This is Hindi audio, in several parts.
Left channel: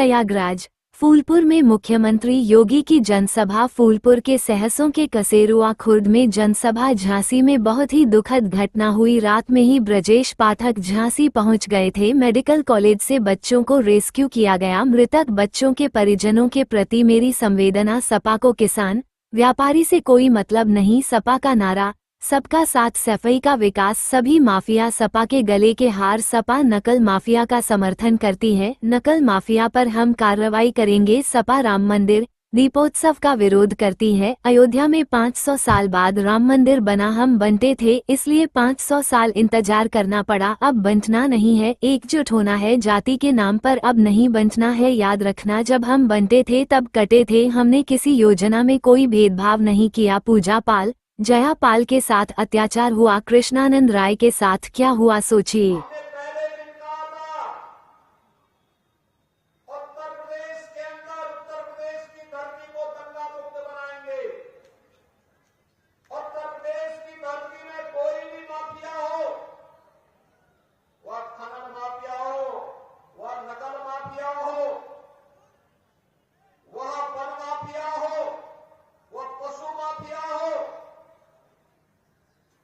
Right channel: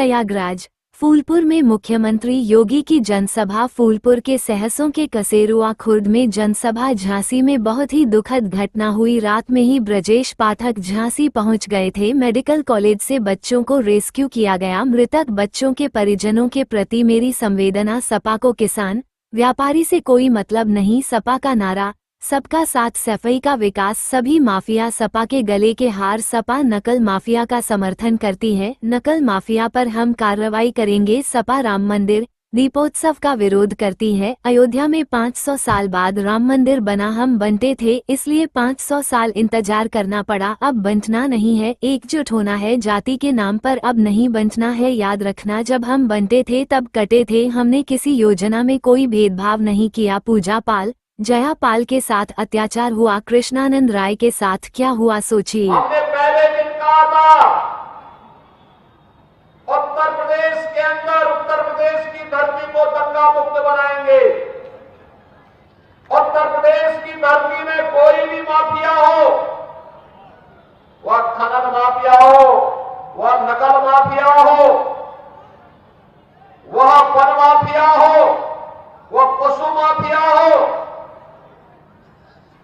प्रयागराज फूलपुर में मुख्यमंत्री योगी की जनसभा। फूलपुर के सहसों के कसेरुआ खुर्द में जनसभा। झांसी में बहुत ही दुखद घटना हुई। रात में ही ब्रजेश पाठक झांसी पहुंच गए थे। मेडिकल कॉलेज से बच्चों को रेस्क्यू किया गया। मृतक बच्चों के परिजनों के प्रति मेरी संवेदना। सपा को किसान व्यापारी से कोई मतलब नहीं। सपा का नारा सबका साथ, सफाई का विकास। सभी माफिया सपा के गले के हार। सपा नकल माफिया का समर्थन करती है। नकल माफिया पर हम कार्रवाई करेंगे। सपा राम मंदिर दीपोत्सव का विरोध करती है। अयोध्या में 500 साल बाद राम मंदिर बना। हम बंटे थे, इसलिए 500 साल इंतजार करना पड़ा। अब बंटना नहीं है, एकजुट होना है। जाति के नाम पर अब नहीं बंटना है। याद रखना, जब हम बंटे थे तब कटे थे। हमने किसी योजना में कोई भेदभाव नहीं किया। पूजा पाल जया पाल के साथ अत्याचार हुआ, कृष्णानंद राय के साथ क्या हुआ सोचिए। हमने पहले दिन कहा था उत्तर प्रदेश के अंदर, उत्तर प्रदेश की धरती को दंगा मुक्त बनाएंगे। उत्तर प्रदेश की धरती में कोई भी माफिया हो, वह खनन माफिया हो, वह नकल माफिया हो, वह वन माफिया हो, वह पशु माफिया हो,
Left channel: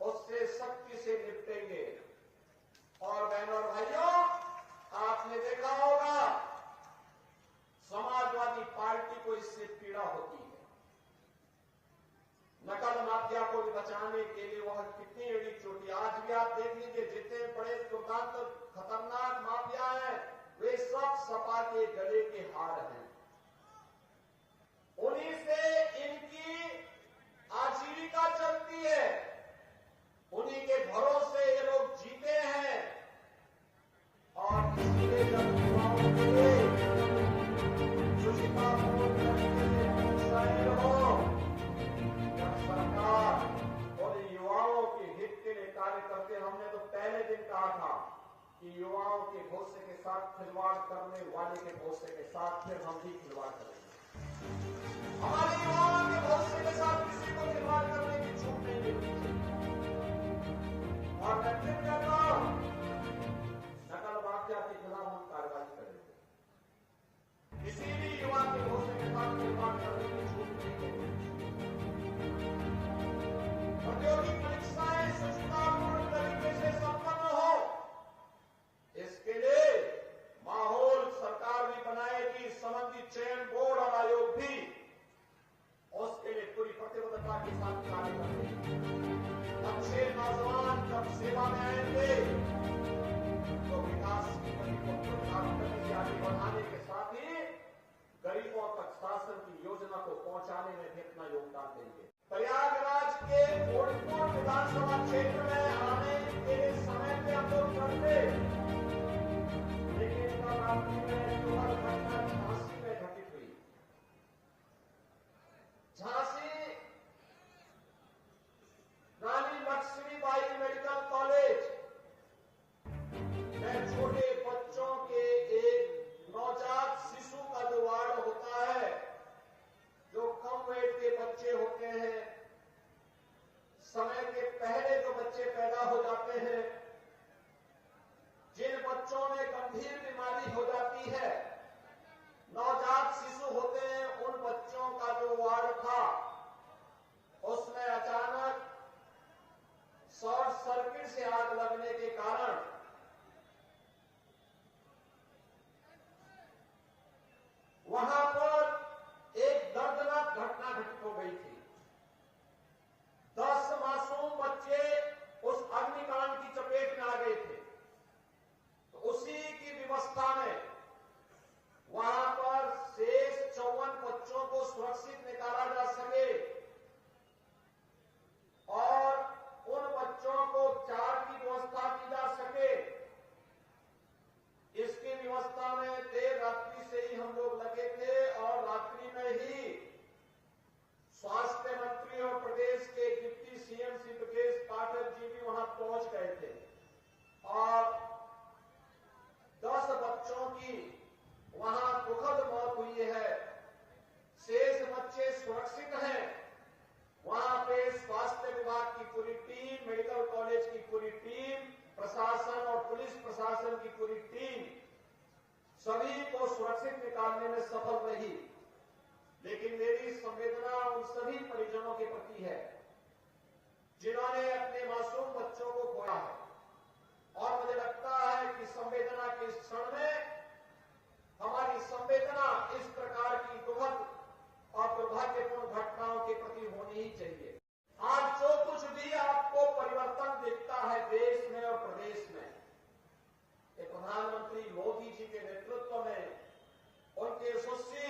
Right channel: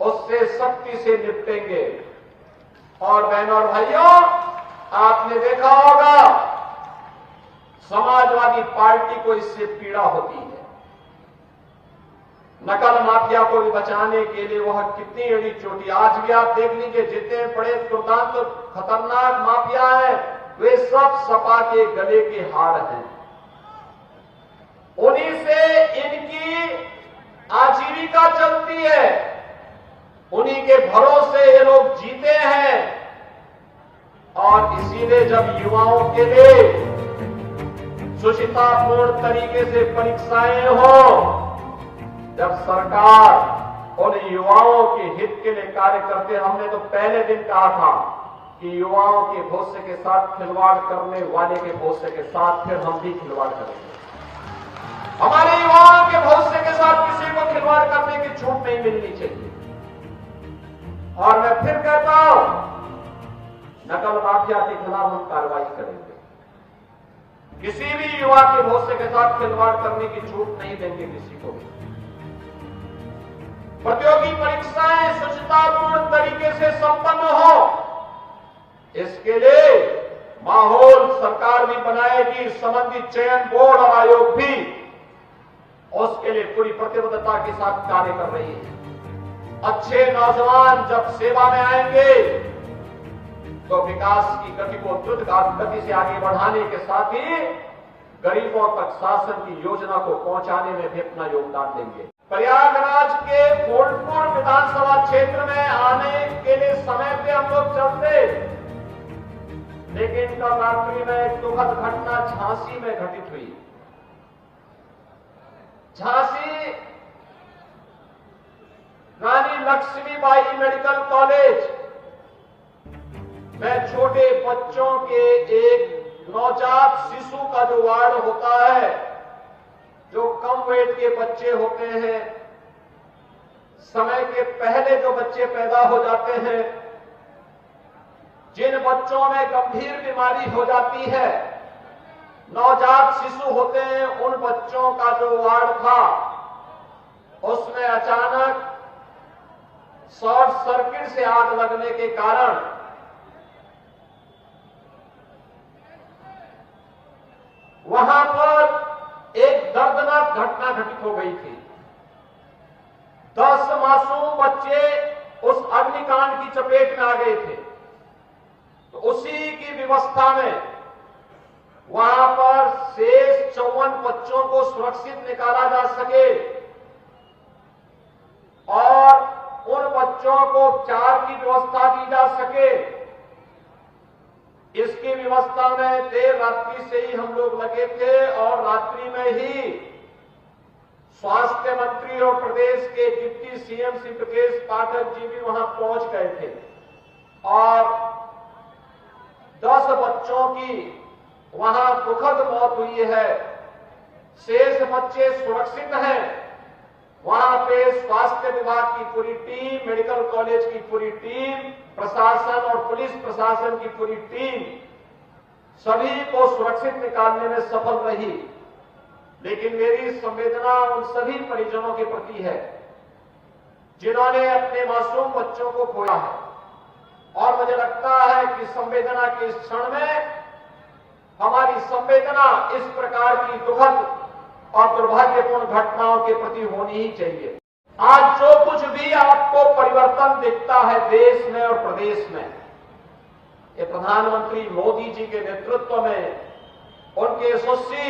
उससे सख्ती से निपटेंगे। और बहनों और भाइयों, आपने देखा होगा समाजवादी पार्टी को इससे पीड़ा होती है। नकल माफिया को भी बचाने के लिए वह कितनी एड़ी चोटी। आज भी आप देख लीजिए, जितने बड़े दुर्दांत खतरनाक माफिया हैं, वे सब सपा के गले के हार हैं। उन्हीं से इनकी आजीविका चलती है, उन्हीं के भरोसे ये लोग जीते हैं। और इसीलिए जब युवाओं के लिए सुचितापूर्ण तरीके से परीक्षाएं हो, जब सरकार उन युवाओं के हित के लिए कार्य करते हैं। हमने तो पहले दिन कहा था कि युवाओं के भविष्य के साथ खिलवाड़ करने वाले के भविष्य के साथ फिर हम भी खिलवाड़ करेंगे। हमारे युवाओं के भविष्य के साथ किसी को खिलवाड़ करने की छूट नहीं मिलनी चाहिए। और मैं फिर कहता हूं, नकल माफिया के खिलाफ हम कार्रवाई करेंगे। किसी भी युवा के भविष्य के साथ खिलवाड़ करने की छूट नहीं देंगे किसी को। प्रतियोगी परीक्षाएं सुचितापूर्ण तरीके से संपन्न हो, इसके लिए माहौल सरकार भी बनाएगी। संबंधित चयन बोर्ड और आयोग भी उसके लिए पूरी प्रतिबद्धता के साथ कार्य कर रही है। अच्छे नौजवान जब सेवा में आएंगे तो विकास की गति को द्रुत गति से आगे बढ़ाने के साथ ही गरीबों तक शासन की योजना को पहुंचाने में भी अपना योगदान देंगे। प्रयागराज के फूलपुर विधानसभा क्षेत्र में आने के लिए समय पे हम लोग चलते, लेकिन कल रात्रि में एक दुखद घटना झांसी में घटित हुई। झांसी रानी लक्ष्मीबाई मेडिकल कॉलेज में छोटे बच्चों के एक नवजात शिशु का जो वार्ड होता है, जो कम वेट के बच्चे होते हैं, समय के पहले जो बच्चे पैदा हो जाते हैं, जिन बच्चों में गंभीर बीमारी हो जाती है, नवजात शिशु होते हैं, उन बच्चों का जो वार्ड था, उसमें अचानक शॉर्ट सर्किट से आग लगने के कारण वहां पर एक दर्दनाक घटना घटित हो गई थी। 10 मासूम बच्चे उस अग्निकांड की चपेट में आ गए थे। तो उसी की व्यवस्था में वहां पर शेष 54 बच्चों को सुरक्षित निकाला जा सके और उन बच्चों को उपचार की व्यवस्था दी जा सके, इसकी व्यवस्था में देर रात्रि से ही हम लोग लगे थे। और रात्रि में ही स्वास्थ्य मंत्री और प्रदेश के डिप्टी सीएम श्री ब्रजेश पाठक जी भी वहां पहुंच गए थे और 10 बच्चों की वहां दुखद मौत हुई है। शेष बच्चे सुरक्षित हैं। वहां पे स्वास्थ्य विभाग की पूरी टीम, मेडिकल कॉलेज की पूरी टीम, प्रशासन और पुलिस प्रशासन की पूरी टीम सभी को सुरक्षित निकालने में सफल रही, लेकिन मेरी संवेदना उन सभी परिजनों के प्रति है जिन्होंने अपने मासूम बच्चों को खोया है। और मुझे लगता है कि संवेदना के इस क्षण में हमारी संवेदना इस प्रकार की दुखद और दुर्भाग्यपूर्ण घटनाओं के प्रति होनी ही चाहिए। आज जो कुछ भी आपको परिवर्तन दिखता है देश में और प्रदेश में, ये प्रधानमंत्री मोदी जी के नेतृत्व में, उनके यशस्वी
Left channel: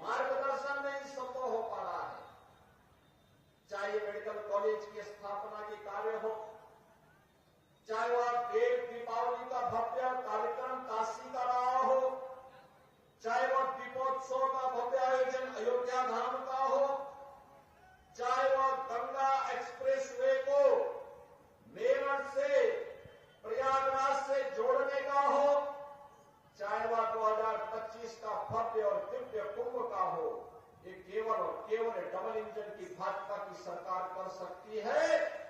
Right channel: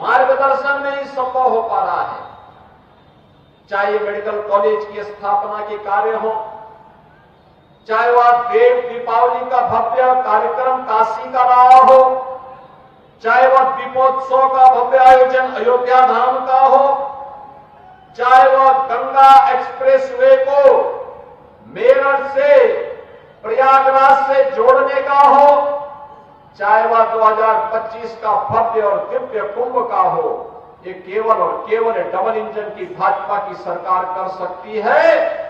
मार्गदर्शन में ही संभव हो पा रहा है। चाहे ये मेडिकल कॉलेज की स्थापना के कार्य हो, चाहे वह देव दीपावली का भव्य कार्यक्रम काशी का रहा हो, चाहे वह दीपोत्सव का भव्य आयोजन अयोध्या धाम का हो, चाहे वह गंगा एक्सप्रेसवे को मेरठ से प्रयागराज से जोड़ने का हो, चाहे वह 2025 का भव्य और दिव्य कुंभ का हो, ये केवल और केवल डबल इंजन की भाजपा की सरकार कर सकती है।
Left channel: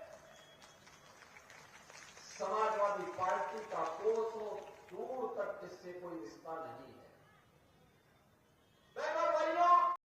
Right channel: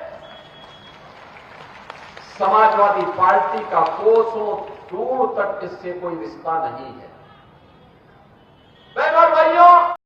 समाजवादी पार्टी का कोसों दूर तक इससे कोई रिश्ता नहीं है। बहनों और भाइयों,